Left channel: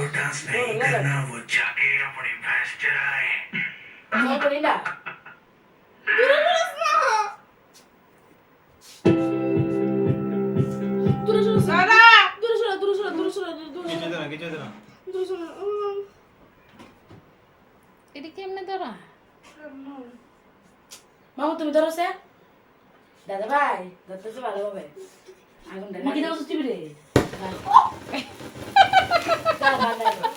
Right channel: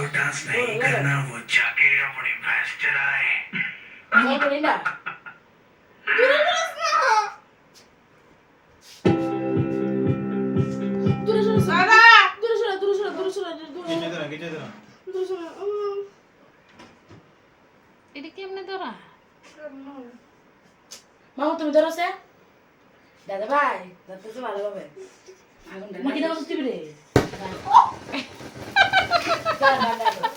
को डांस नहीं करना वो जाके अपनी भैंस चराए No, Corina. দূরে সরো সারা দূরে সরো দূরে সরো দূরে সরো দূরে কিছু সরো দে না কিছু দে না দূরে সরো এটা কেমনে ধরা? মামা তুমি ধরো সে দাদা ভাই দাদা তো ভালো হবে আগুন দেন কি দাও তুমি রে দাদা দাদা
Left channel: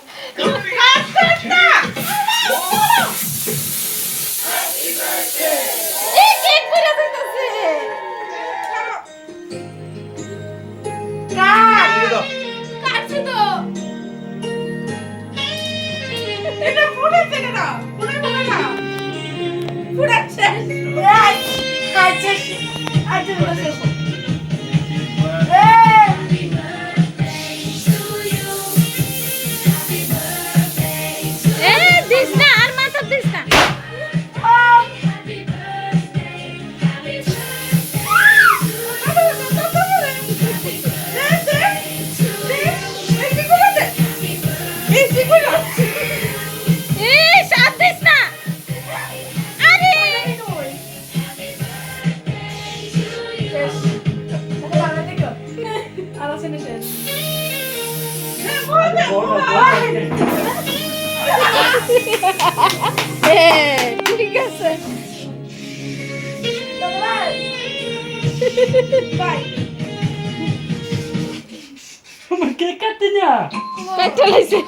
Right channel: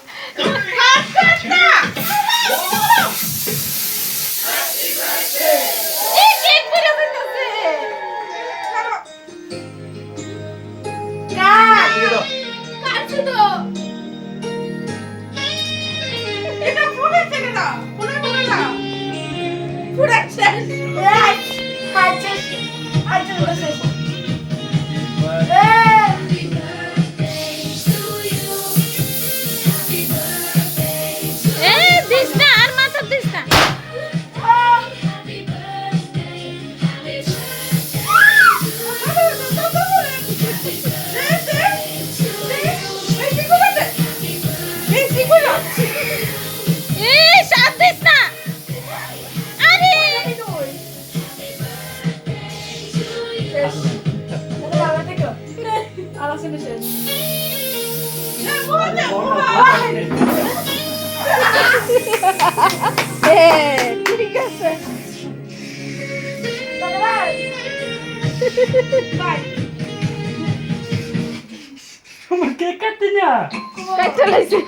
এই কেক করে দিতেছে কাট দিয়ে দাও কাটছে তো এটা ফুটাচ্ছে কেন ফুটাই না ফুটাচ্ছে এই কাটছে আজকে বসে এ দিস না আর মাথা দিস না। এ সাথ দিস না। আরে ঠিক আছে তোমার কেক কাটতে না কাটতে লাগছে